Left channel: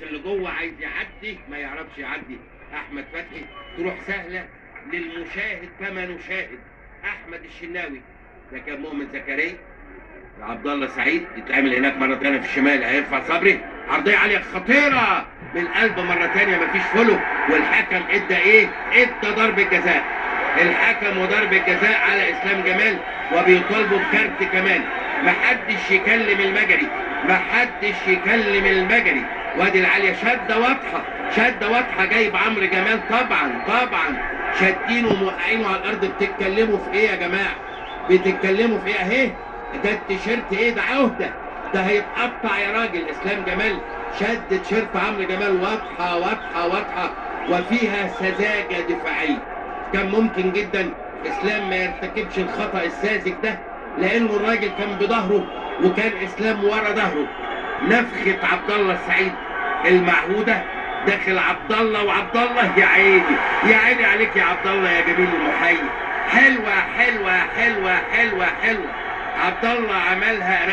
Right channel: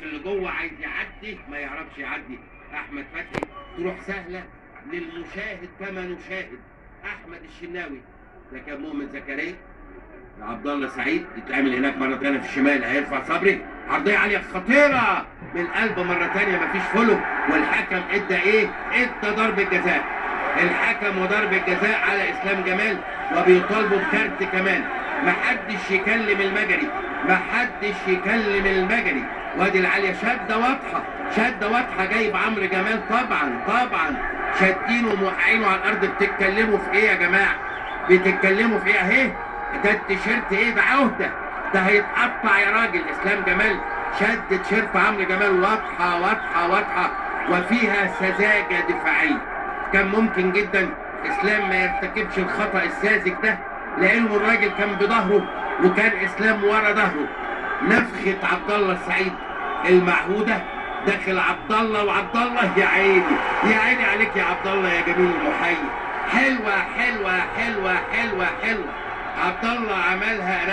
داخل لجوه عايز يعدي ما يعرفش يعدي احمد فتحي، تروح سهله للمشاهد كما نشاهد. احمد الشناوي ده كان مؤمن زكريا عبد الله سعيد، يتعمل هناك مره ثانيه في الشمال، هيرفع صبري، عرضيه عاليه خطيره بالقلب مره ثانيه، مفيش فولو، والحكم ادى ايه؟ ادى ضربه جزاء. الحكم وضربه جزاء على اسلام جمال، وبيطالبوا بكارت كمان. محدش يكلم المجري، محدش يكلم المجري. وادي العاليه شده واضحه، شده واضحه، جايب عمرو جمال طبعا شادينه وموقعينه على الارض. بتتكلموا في ايه يا جماعه؟ بتتكلموا في ايه؟ اهي ده التيشيرت ايه؟ ده عهده، ده هيتقطع يا راجل. اسلام جمال شد تيشيرت عمرو جمال، واضحه وفيها سذاجه دفاعيه. كان ممكن جدا اسلام ما يرتكبش الخطا الساذج ده، لانه الراجل كان بظهره وكان اسلام ورا ظهره. نفخه عبد الله السعيد المعهوده، داخل عبد الله، وعبد الله يا عيني يا عيني عليك يا عبد الله يا جميل المحيي. حلوه حلوه حلوه حلوه حلوه. عبد الله عملها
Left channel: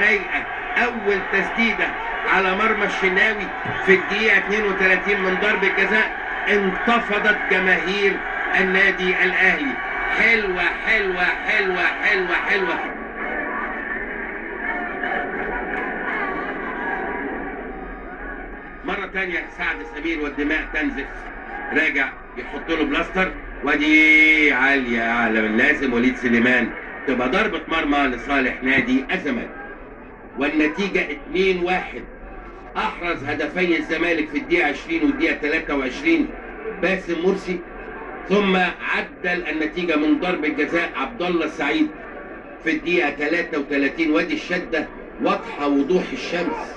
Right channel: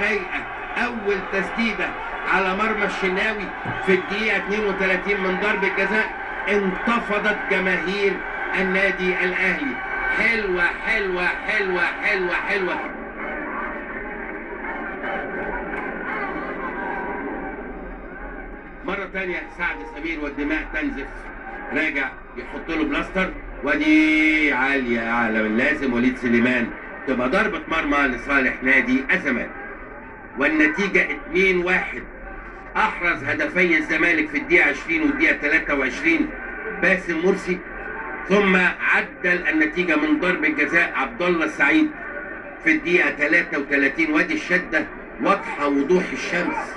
رايقه. اول تسديده على مرمى الشناوي في الدقيقه 32 من ضربه جزاء، انتفضت جماهير النادي الاهلي. حلوه حلوه حلوه حلوه حلوه. مرة تانية سعد سمير والدماء تنزف، راجع يحط له بلاستر، ودي عالية أعلى من لازم. وليد سليمان تبقى ضربة مرمى لصالح نادي الزمالك، والنتيجة 2-1. أحرز هدفي الزمالك في الدقيقة 20 والدقيقة 23 باسم مرسي، ثم عدل النتيجة من ضربة جزاء عبد الله السعيد في الدقيقة 33. وادي الشدة واضحة وضوح الشمس.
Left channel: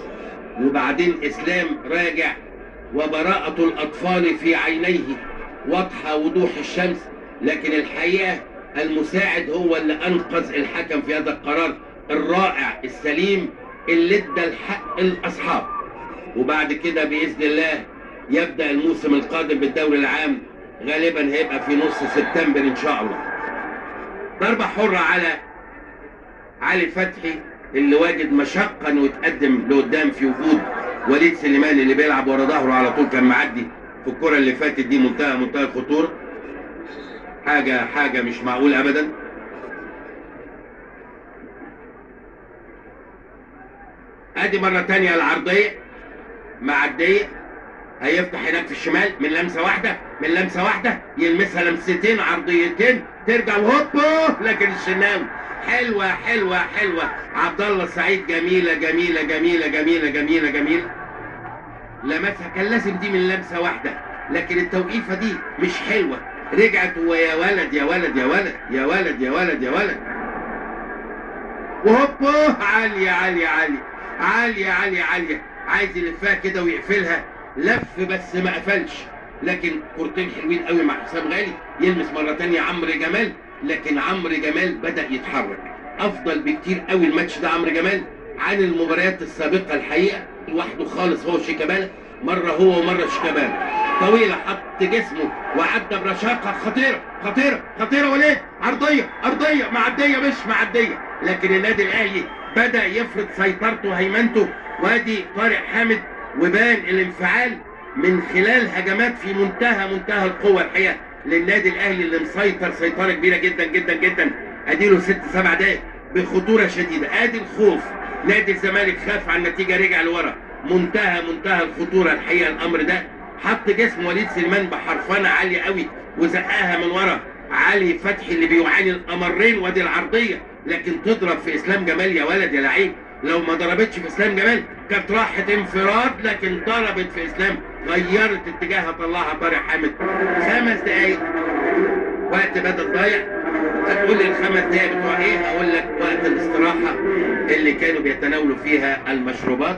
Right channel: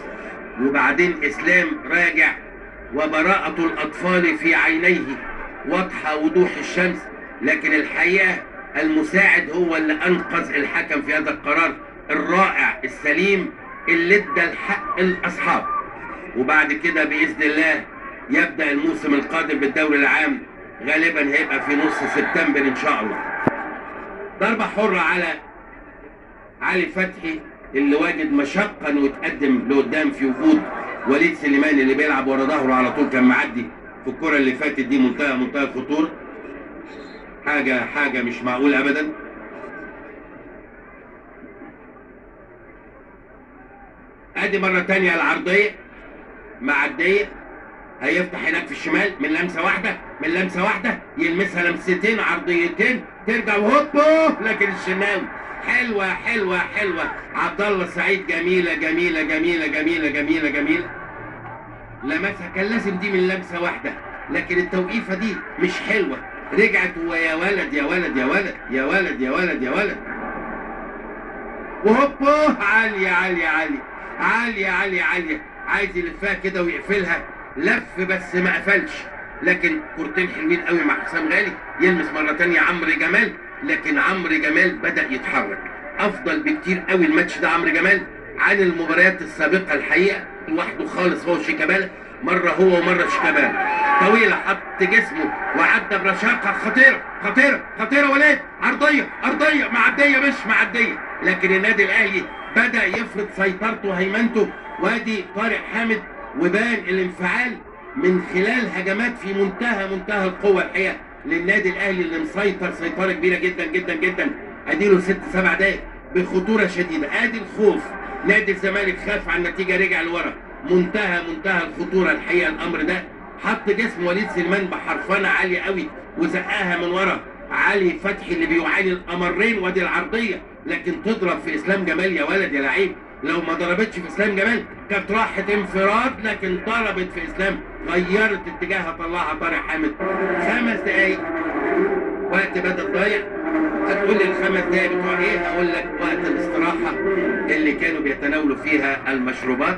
وبعدين اسلام راجع وبراءة الاطفال في عينيه، واضحة وضوح الشمس. لكن الحقيقة المساعد هو اللي انقذ الحكم في هذا القرار الرائع السليم اللي ادى الحق الاصحاب. وبعد كده باذن الله يبدأ الموسم القادم بالدوري العام، غالبا هيبقى في نص سبتمبر ان شاء الله. ضربة حرة على علي فتحي اللي واجد مشقة انه يتقدم لقدام في وجود وليد سليمان اللي بيلعب ورا ظهره على طول. كان معدي في الكرة اللي فاتت دي منتهى الخطورة، حاجة مش معقولة ابدا. ادي مرة تانية العرضية معدية، هيفتح هناك في الشمال من لمسة واحدة يلمسها لمستين عرضيتين ترجع وهوبا، لكن الشناوي حلوة. عبد الله السعيد جميلة لمسها، كان لازم دي من لمسة واحدة، لكن التوقيفة دي مش حلوة. رجعت ويا ولد يا ولد يا ولد يا ولد يا ولد يا ولد، وهوبا عالية عايز يلفها كده ويقفلها، لف بس ما قفلش. لكن كورتين حلوين قوي مع حسام غالي، يلمس مرة تانية عمرو جمال، لكن عمرو جمال بدأ يتحرك افضل بكتير قوي الماتش ده عمرو جمال عن المباريات السابقة. الحقيقة لوحده خالص هو شيكابالا، مرة هو ومرة شيكابالا، طويلة حط جسمه وعدى برشاقة خطيرة. وليد أرضية معدية مش معدية، لكن النادي الأهلي بدأ يفرض سيطرته وهيمنته. وادي طارق حامد، وبان الانفعال من خلال هجمات في منتهى القوة الحقيقة للنادي الأهلي اللي مسيطر سيطرة كبيرة جدا. اديله 6-7 دقايق بخطورة شديدة. ادي الخوف، نادي الزمالك خاف على النتيجة، رجع لورا، منتهى الخطورة الحقيقة الامر ده. حط جسم وليد سليمان بحرفنة عالية قوي وزقاها من ورا علي فتحي اللي بيعاني الامرين. وادي العرضية، لكن تضرب في اسلام جمال يا ولد يا لعيب. لو ما ضربتش في اسلام جمال كانت راحت انفراد، لكن ضربت في اسلام، غيرت اتجاهها، طلعها طارق حامد. 5 دقايق وقت بدل ضايع. هتقول لي ال5 دقايق بتوع ايه؟ هقول لك وقت الاستراحة اللي كانوا بيتناولوا فيها المشروبات.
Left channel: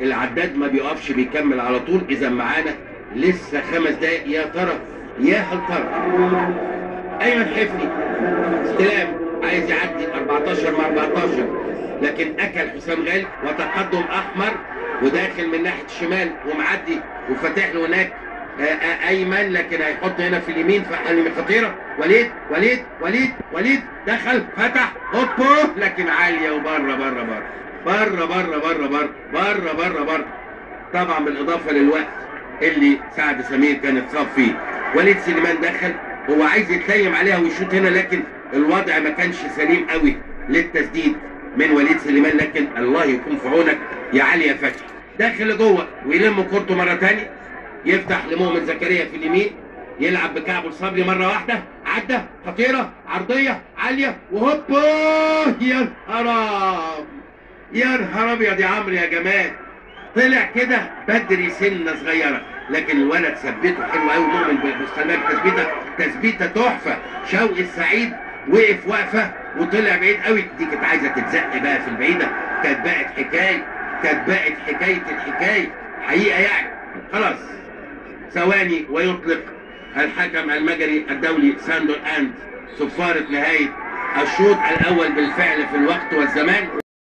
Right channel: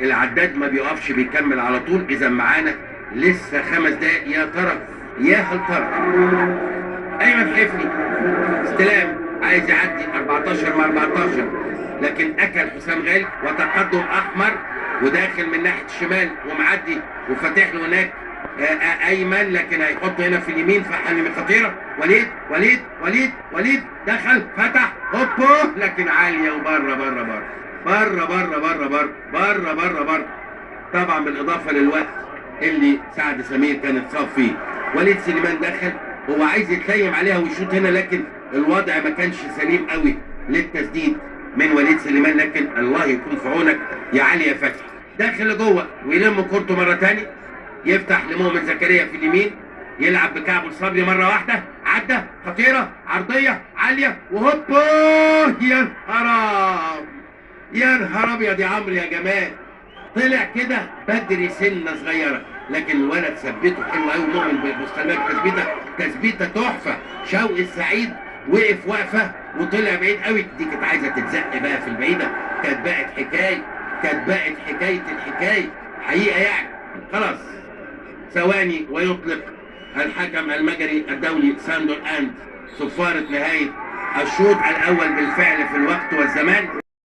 العداد ما بيقفش، بيكمل على طول. اذا معانا لسه 5 دقايق. يا ترى يا هل ترى ايمن حفني استلام عايز يعدي 14 مع 14، لكن اكل حسام غالي وتقدم احمر وداخل من ناحيه الشمال ومعدي وفاتح له هناك ايمن، لكن هيحط هنا في اليمين فحلمي خطيره. وليد دخل فتح هوبو، لكن عاليه وبره. طبعا بالاضافه للوقت اللي سعد سمير كان اتصاب فيه. وليد سليمان دخل، هو عايز يتليم عليها ويشوط هنا، لكن الوضع ما كانش سليم قوي للتسديد من وليد سليمان، لكن الله يكون في عونك يا علي يا فتحي. داخل لجوه ويلم كورته مره ثانيه، يفتح لمؤمن زكريا في اليمين، يلعب بكعبه الصبري مره واحده، عدى خطيره عرضيه عاليه وهوبا، يا نهار يا نهار ابيض يا عمرو يا جمال، طلع كده بدري سنه صغيره، لكن الولد ثبته حلو قوي. مؤمن بالمستلمات تثبيته تحفه. شوقي السعيد وقف وقفه وطلع بعيد قوي، دي كانت عايزه تتزق بقى في البعيده، كانت بقت حكايه الحكايه حقيقه يعني. خلاص ثواني ويطلق الحكم المجري الدولي ساندر اند صفاره نهايه الشوط الاول بالفعل في الوقت والزمان.